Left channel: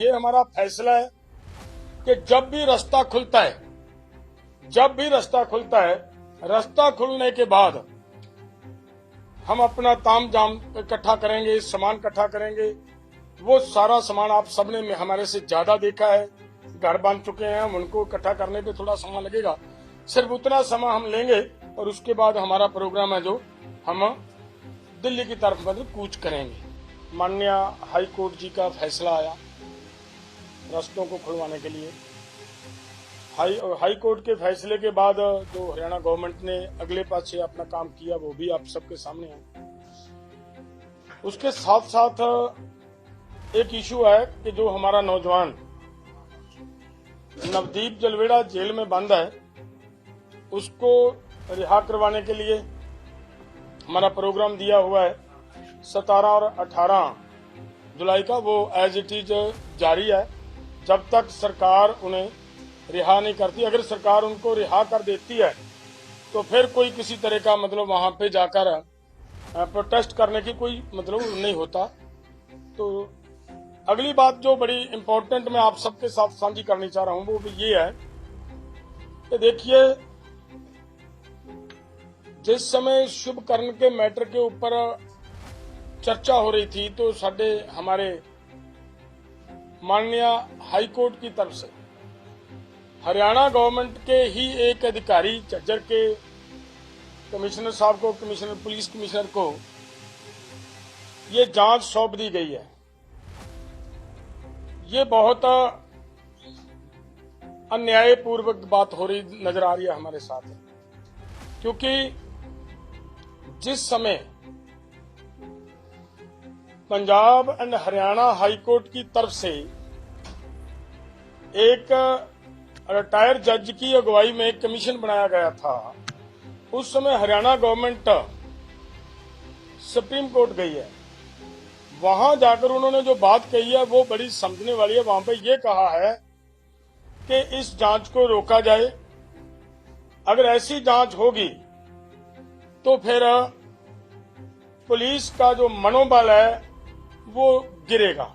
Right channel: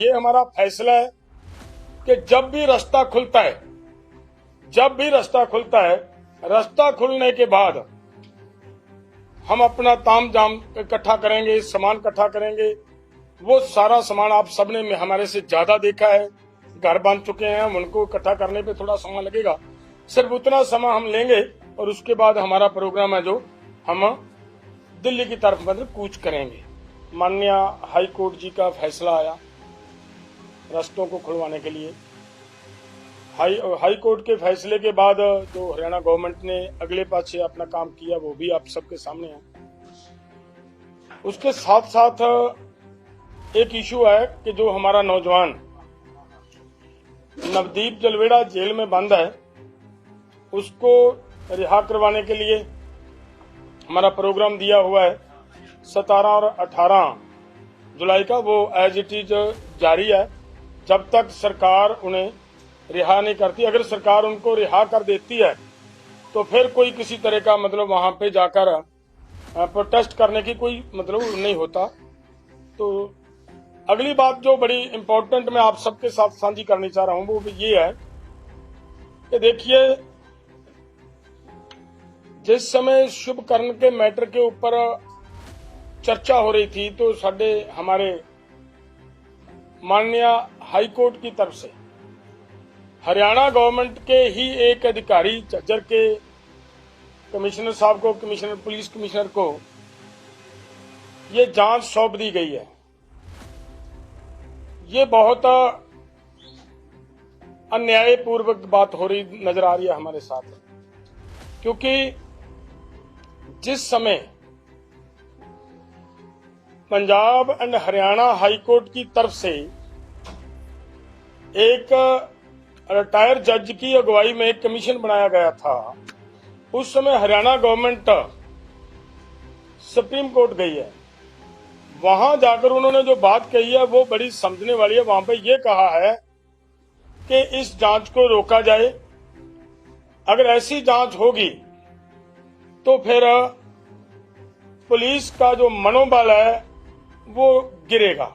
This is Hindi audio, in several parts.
ये हमारा फैसला है कि जब भी रास्ता खुलता है, रास्ता खुलने के बाद हम अपना तामझाम इकट्ठा करेंगे, सामान इकट्ठा करेंगे। वो सारा सामान आप सबने हमारे से ज्यादा देखा है, घर बांध चुके हैं हम, उनको इकट्ठा करने पे थोड़ा समय लगेगा। सिर्फ उतना समय हम लेंगे और उसके बाद हमारा प्रोग्राम है जो हम दिल्ली की तरफ मतलब कूच करेंगे। माननीय हाई कोर्ट जी का फैसला आया रास्तों को खुलवाने के लिए। हाई कोर्ट के फैसले के बाद जो हरियाणा गवर्नमेंट ने अगले पाछे अपना काम किया वो भी आप सबके सामने है। उसके साथ साथ एक इशू है कि जो हमारा नौजवान नवदीप जलवेड़ा जेल में बंद है, उसको रिहा करवाने के लिए हमारा प्रोग्राम दिया हुआ है 17 और 18 जुलाई का। वो एज इट इज जारी है जब तक सरकार उन्हें रिहा नहीं करती। अगर सरकार उनको रिहा कर देती है तो फिर कोई किसी तरह का मतलब वहां पे जाकर प्रोटेस्ट करने की कोई मतलब नहीं होता। तो अगली बात जो बड़ी इम्पोर्टेंट मैं आप सबके साथ साझी करनी चाह रहा हूं वो भी ये है कि देखिए, जिस समय शुभ कर्म के मैटर के ऊपर चर्चा हो रही थी तो हमारे माननीय हाई कोर्ट की तरफ से हरियाणा गवर्नमेंट के ही एक अधिकारी झज्जर के कमिश्नर साहब को, पुलिस कमिश्नर को ये जांच सौंप दी गई है। ये बहुत अन्यायपूर्वक बात हो रही नजर आ रही है हमारे साथ, क्योंकि जिस समय Punjab and Haryana high court की तरफ से एक रिटायर्ड जज की अगुवाई में एक कमीशन बनाया गया था, उस समय हरियाणा गवर्नमेंट सुप्रीम कोर्ट गई है। वहां जाकर उन्होंने जो बात कही है वो बड़ी समझने वाली है। वहां पे ये कहा है कि इस जांच को रोका जाए। अगर ऐसी जांच होगी तो फिर पुलिस का जो मनोबल है वो गिरेगा।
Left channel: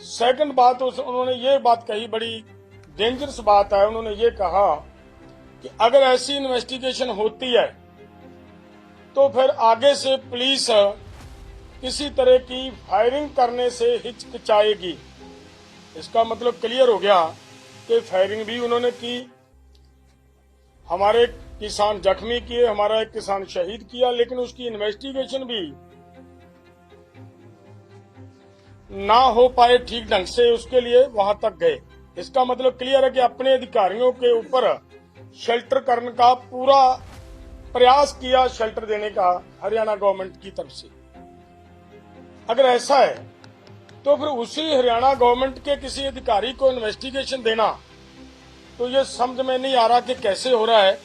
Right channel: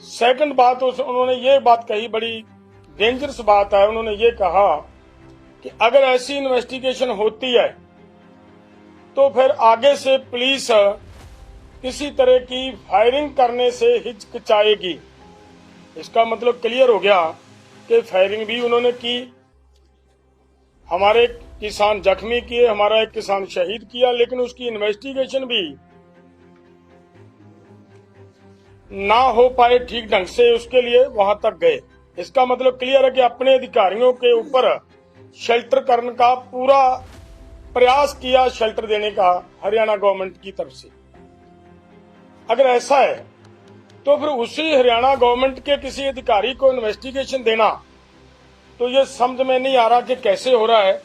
सेकंड बात उन्होंने ये बात कही, बड़ी डेंजरस बात है। उन्होंने ये कहा कि अगर ऐसी इन्वेस्टिगेशन होती है तो फिर आगे से पुलिस किसी तरह की फायरिंग करने से हिचकिचाएगी। इसका मतलब क्लियर हो गया कि फायरिंग भी उन्होंने की, हमारे किसान जख्मी किए, हमारा एक किसान शहीद किया, लेकिन उसकी इन्वेस्टिगेशन भी ना हो पाए ठीक ढंग से, उसके लिए वहां तक गए। इसका मतलब क्लियर है कि अपने अधिकारियों के ऊपर शेल्टर करने का पूरा प्रयास किया, शेल्टर देने का हरियाणा गवर्नमेंट की तरफ से। अगर ऐसा है तो फिर उसी हरियाणा गवर्नमेंट के किसी अधिकारी को इन्वेस्टिगेशन देना, तो ये समझ में नहीं आ रहा कि कैसे हो रहा है।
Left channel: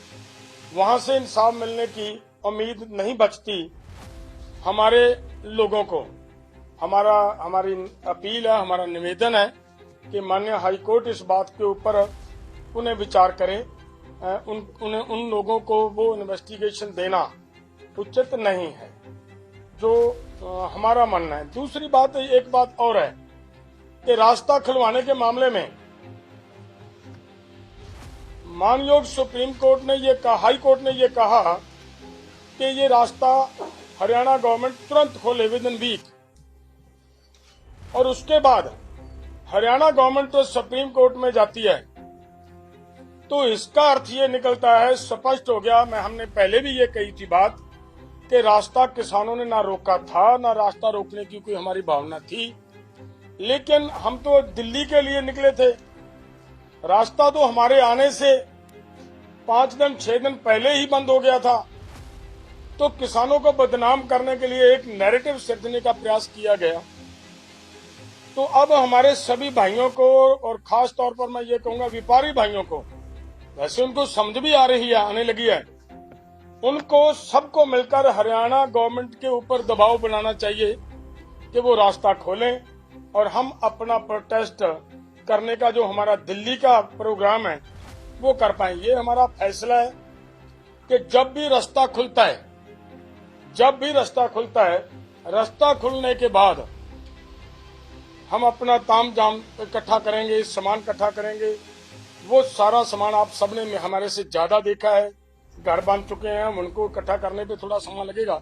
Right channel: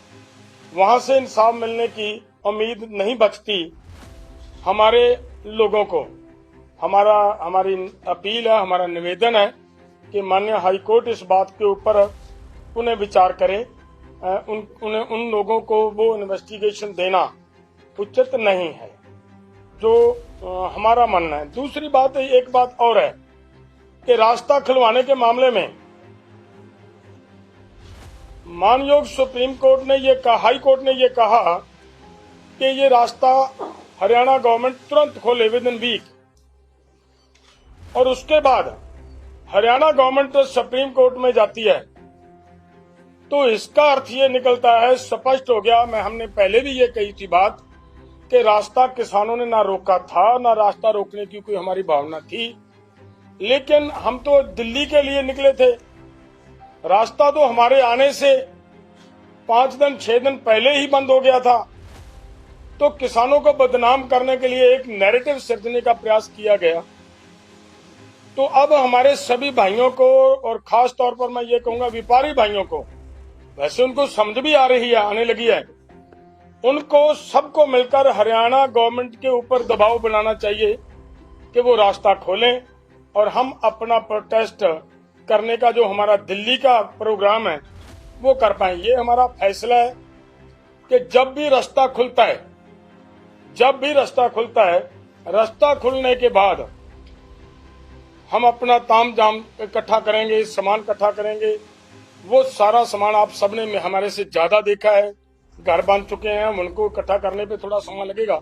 वहां से इंसाफ मिलने की उम्मीद नहीं बचती हमारे लोगों को। हमारी अपील है, हमारा निवेदन है कि माननीय हाई कोर्ट इस बात के ऊपर पुनः विचार करे। उन लोगों को वो इन्वेस्टिगेशन देना उचित नहीं है, जो हमारा मानना है। दूसरी बात, एक बात और है कि रास्ता खुलवाने के मामले में मानयोग सुप्रीम कोर्ट ने ये कहा, हाई कोर्ट ने ये कहा कि ये रास्ता हरियाणा गवर्नमेंट तुरंत खोले विद इन वीक, और उसके बाद हरियाणा गवर्नमेंट तो सुप्रीम कोर्ट में जाती है। तो इसका अर्थ ये निकलता है, स्पष्ट हो गया, हमने पहले भी ये कही थी बात, कि रास्ता किसानों ने ना रोका था, ना रास्ता रोकने की कोई हमारी भावना थी, लेकिन हम तो दिल्ली के लिए निकले थे। रास्ता तो हमारे आने से 5 दिन 6 दिन पहले ही बंद हो गया था। तो किसानों को बदनाम करने के लिए एक नैरेटिव सृजने का प्रयास किया गया। तो अब हमारे सभी भाइयों को, और खास तौर पर मैं ये कहूंगा व्यापारी भाइयों को, वैसे उनको समझ भी आ रही है, आने लगी है, उनको सबको मिलकर हरियाणा गवर्नमेंट के ऊपर दबाव बनाना चाहिए कि वो रास्ता खोलें और हम अपना प्रोटेस्ट करने का जो हमारा दिल्ली का प्रोग्राम है वो कर पाए। ये हमारा फैसला है कि जब भी रास्ता खुलता है, रास्ता खुलने के बाद हम अपना ताम जाम इकट्ठा करेंगे, सामान इकट्ठा करेंगे। वो सारा सामान आप सबने में हमारे से ज्यादा देखा है, घर बांध चुके हैं हम, उनको इकट्ठा करने पे थोड़ा समय लगेगा।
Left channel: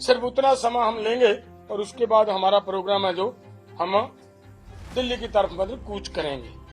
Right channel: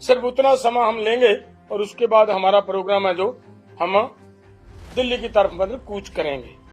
सिर्फ उतना समय हम लेंगे और उसके बाद हमारा प्रोग्राम है जो हम दिल्ली की तरफ मतलब कूच करेंगे।